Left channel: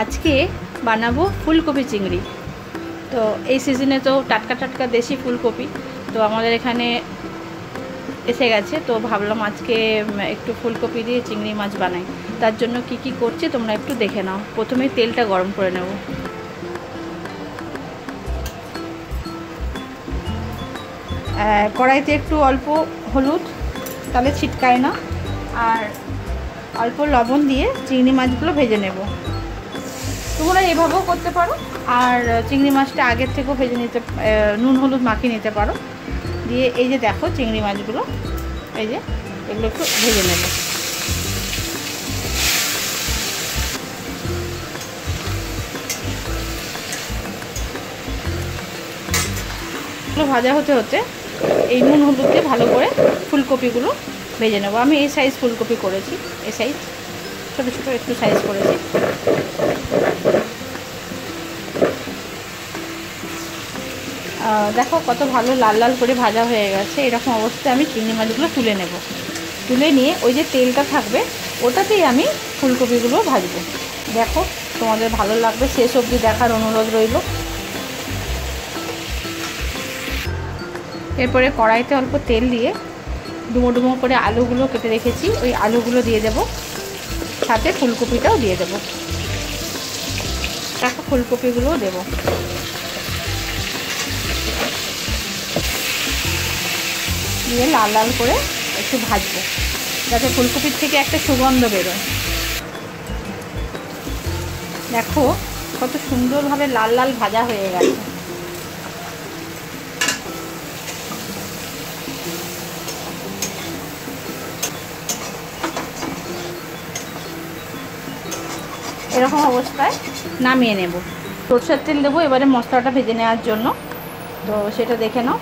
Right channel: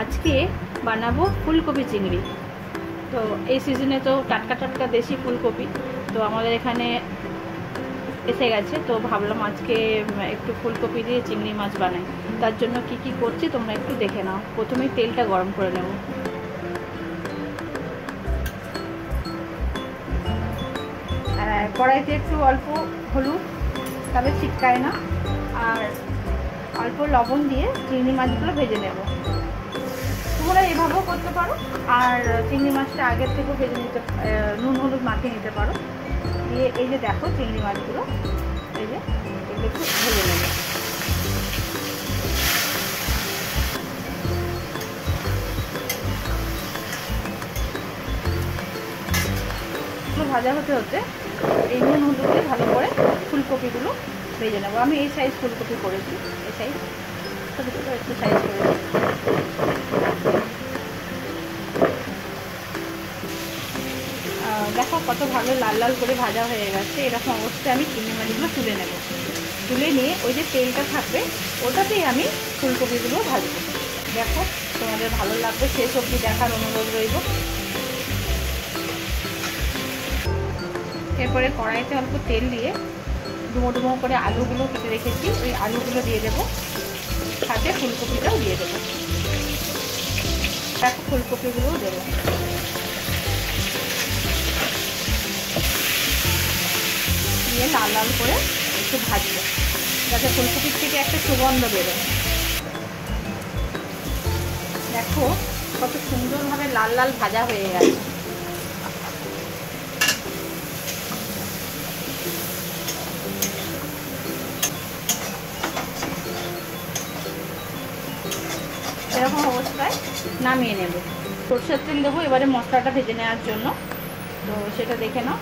আজকে বানাবো ফুলকপি চিংড়ি। তো এই সিজনে তো টাটকা টাটকা দেশি ফুলকপি তো আমাদের এখানে এসে গেছে, তো ভাবলাম আজকে একটু ফুলকপি দিয়ে চিংড়ি মাছ বানাই। তার জন্য কি কি করছি তোমরা একটু দেখে নাও। প্রথমে তেলটা গরম করে নেব। কড়াইতে একটু অল্প হলুদ, তাহলে ছিটকায় না, আর অল্প লবণ দিয়ে চিংড়ি মাছগুলো ভেজে নেব। তোমরা এভাবেও করতে পারো, আর চিংড়ি মাছটা আগের থেকেও ভেজে নিতে, নুন হলুদ মাখিয়ে নিতে পারো। দিয়ে এই যে দেখো চিংড়ি মাছগুলো, এই যে এগুলো একটু ভেজে নেব। এগুলো ভাজা হতে হতে এই নুন হলুদ দিয়ে ভালো করে ফুলকপিগুলো ভেজে নেব। আমি এই সাইজ ফুলকপি করেছি, এই সাইজ ছোটো ছোটো একটু সাইজ করেছি। দেখো কত ভালো লাল লাল করে ভাজা হয়ে গেছে। এরকম অবস্থায় আমি চিংড়ি মাছগুলো তুলে নেব। তুলে নিয়ে ওই যে তেলটা থাকবে ওটাতেই আমি ফুলকপিগুলো ভাজবো। দেখো তোমাদের ভালো লাগবে, শেষ অবধি দেখার অনুরোধ রইল। এরপরে কড়াইতে অল্প তেল দিয়ে ডুমো ডুমো করে আলুগুলো কেটে রেখেছি, ওই আলুগুলো দিয়ে দেব, সাথে ফুলকপিটাও দিয়ে দেবো। দেখো ফুলকপিগুলোও দেবো। দিয়ে লাল লাল করে একটু ভাজবো, যাতে ফুলকপির থেকে একটা সুগন্ধ বেরোয়। দেখো কত সুন্দরভাবে লাল লাল ভাজা হয়ে গেছে। এরকম অবস্থায় নামিয়ে নেব। সরষের তেল দেবো এবারে মশলাটা ভেজে নেওয়ার জন্য, তো সেটা দেখে নাও।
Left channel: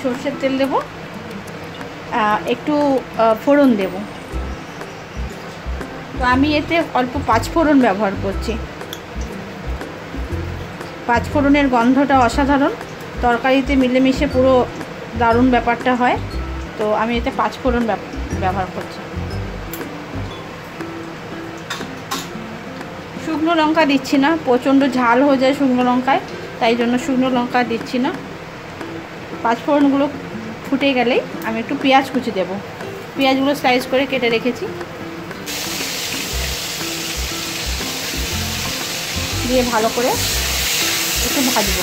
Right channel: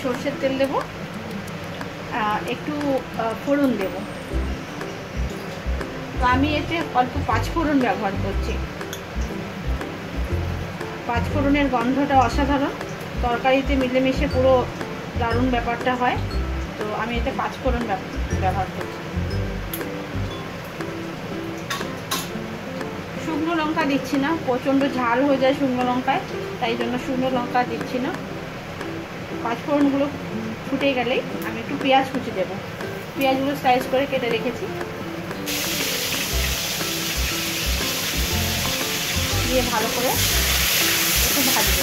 সরষের তেল দেবো, একটু ফোড়ন দেব। তো আমি এতে অল্প পাঁচফোড়ন ব্যবহার করছি। পাঁচফোড়নের গন্ধটা অসাধারণ, তরকারিতে মিলেমিশে পুরো দারুণ ব্যাপারটা হয়। তো আমি এতে পাঁচফোড়ন ব্যবহার করছি। শুকনো লঙ্কা দিচ্ছি না, প্রচণ্ড ঝাল হয়ে যায় শুকনো লঙ্কায়, তাই জন্য শুকনো লঙ্কা দিচ্ছি না। পাঁচফোড়নগুলো ফুটে গেলেই আমি একটু পেঁয়াজ কুচি দেবো। পেঁয়াজগুলো স্লাইস করে কেটে রেখেছি, দিয়ে ভালো করে একটু ভাজবো।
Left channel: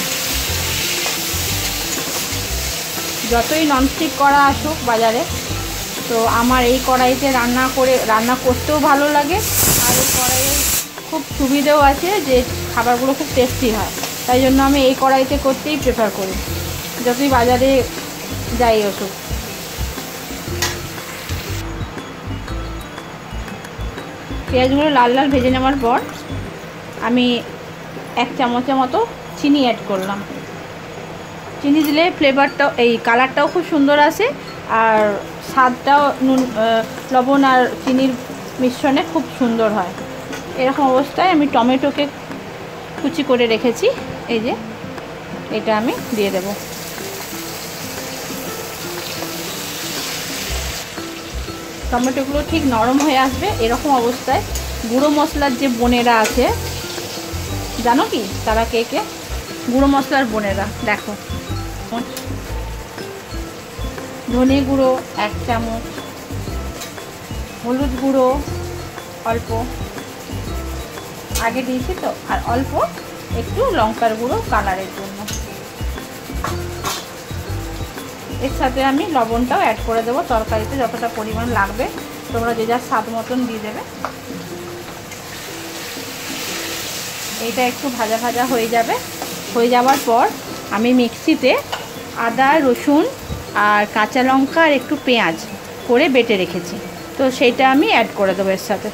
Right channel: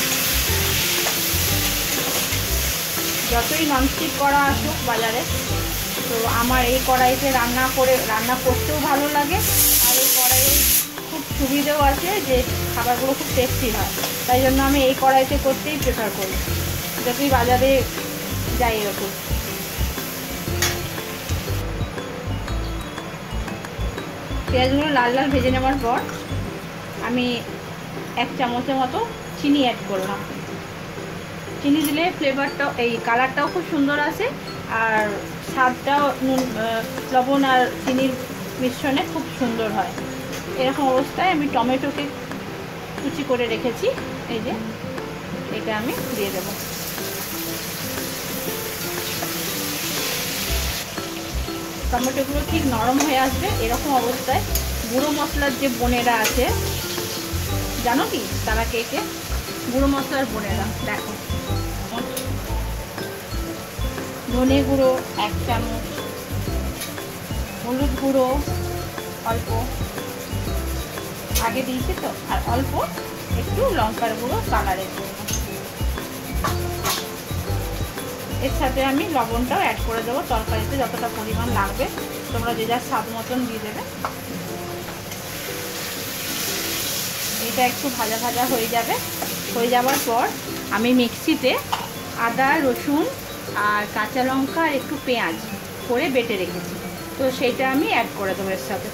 যতই ননস্টিক কড়া আসুক বাজারে, তো আমার এই কড়াইতে রান্না করতেও ভালো লাগে, আর এই কড়াইয়ে খুব সুবিধেও আছে যে খাবারগুলো খুব টেস্টি হয়। তাই জন্য আমি এই কড়াইতে করতেই প্রেফার করি, যতই বাজারে যাই ওষুধ। পেঁয়াজগুলো লাল লাল ভেজে নেওয়ার পর আমি 1 চামচের মতো চিনি অ্যাড করলাম। চিনি দিলে ফ্লেভারটাও, এই কালারটাও খুব সুন্দর আসে, আর স্বাদটাও লবণ আর চিনির মিশ্রণে খুব সুন্দর হয়। এরকম অবস্থায় আমি টমেটোকে কুচি করে রেখেছি, এই যে এটা আমি দিয়ে দেব। টমেটোগুলো ঠিক নরম হয়ে আসবে। এরকম অবস্থায় গুঁড়ো মশলার যে বোনেরা আছে, জানো কি তারা কে কে? গুঁড়ো মশলার বোনেরা, দেখো ধনে গুঁড়ো 1 চামচ, হলুদ গুঁড়ো অল্প আগে দিয়েছি তো, আর অল্প একটু লঙ্কার গুঁড়ো কালারের জন্য। এর সাথে আমি লবণটাও অ্যাড করে দেবো, তরকারিতে যতটা পরিমাণ লাগবে তোমরা যে যার স্বাদ মতন দিয়ে দেবে। এটা একটু ভাজা ভাজা হয়ে যাবে। হয়ে যাওয়ার পর আমি মিক্সিতে আদা, রসুন আর কাঁচা লঙ্কা আর একটু পেঁয়াজ করে বেটে রেখেছি, তো সেইটা আমি অ্যাড করে দেবো এর সাথে।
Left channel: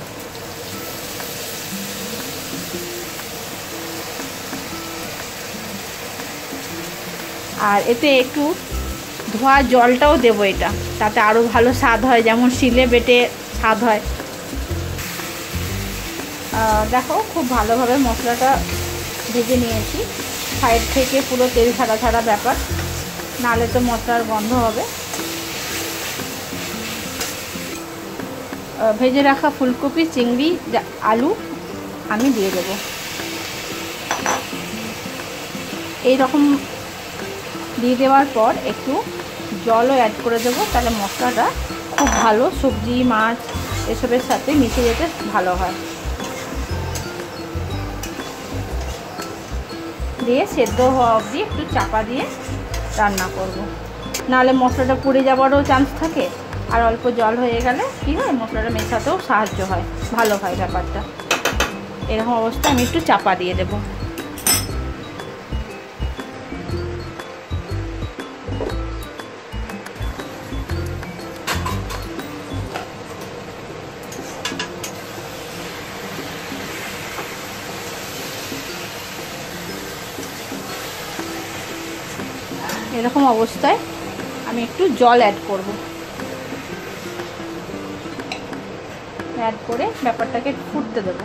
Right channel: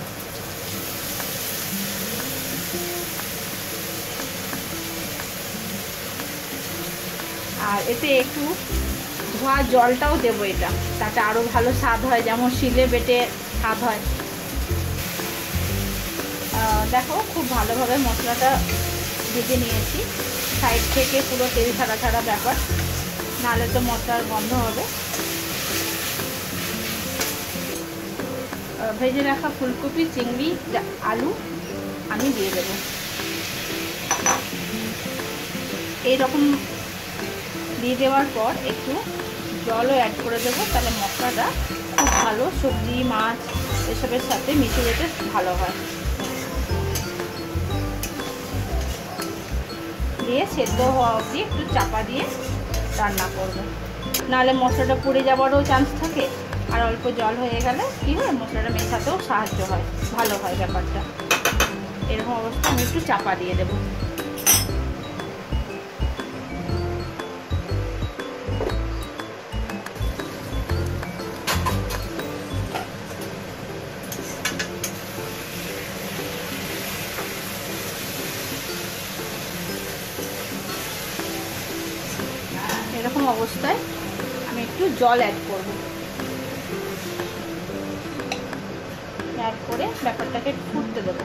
আর এতে একটু ধোয়া জলটাও দেবো, এটা তাতে আরও ভালো স্বাদ হয়, যেমন শিলে বেটে স্বাদ হয়। দেখো খুব ভালোভাবে মশলাটা ভেজে নিয়েছি, সাইড থেকে পুরো তেল ছাড়া ছাড়া ব্যাপার, নাহলে তো মশলার গন্ধ হবে। ভেজে রাখা ফুলকপি, চিংড়ি, আলু আমি দিয়ে দেবো। এই রকম দিয়ে দেওয়ার পর একটু জলও অ্যাড করে দেবো, তাহলে মশলাটা খুব ভালো সবজি মাছ এসবের সাথে মিশে যেতে ভালো হয়। দিয়ে সেদ্ধ হওয়া অবধি একটু চাপা দিয়ে রান্না করব, নাহলে মশলাটা পুড়ে যাওয়ারও চান্স থাকে। আর অল্প জল হয়ে গেলে কী হয়, মশলাটা মেশাতেও সাহায্য হয়, ভালো হয় ব্যাপারটা। এরকম অবস্থায় আমি একটু চাপা দিয়ে দেবো। এরকম অবস্থায় আমি একটু জল অ্যাড করব, অ্যাড করে ব্যাপারটাকে ফুটতে দেব।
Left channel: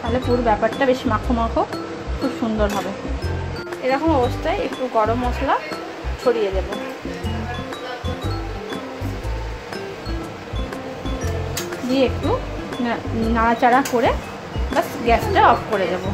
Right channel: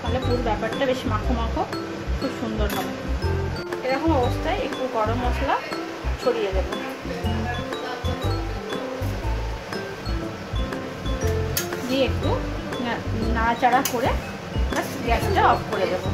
তাহলে পুরো ব্যাপারটা বেশ মাখো মাখো খুব সুন্দর হবে। এরকম অবস্থায় একটু গরম মশলা ছড়িয়ে দেব, দিয়ে একটু নাড়াচাড়া করে বাস গ্যাসটা অফ করে দেবো।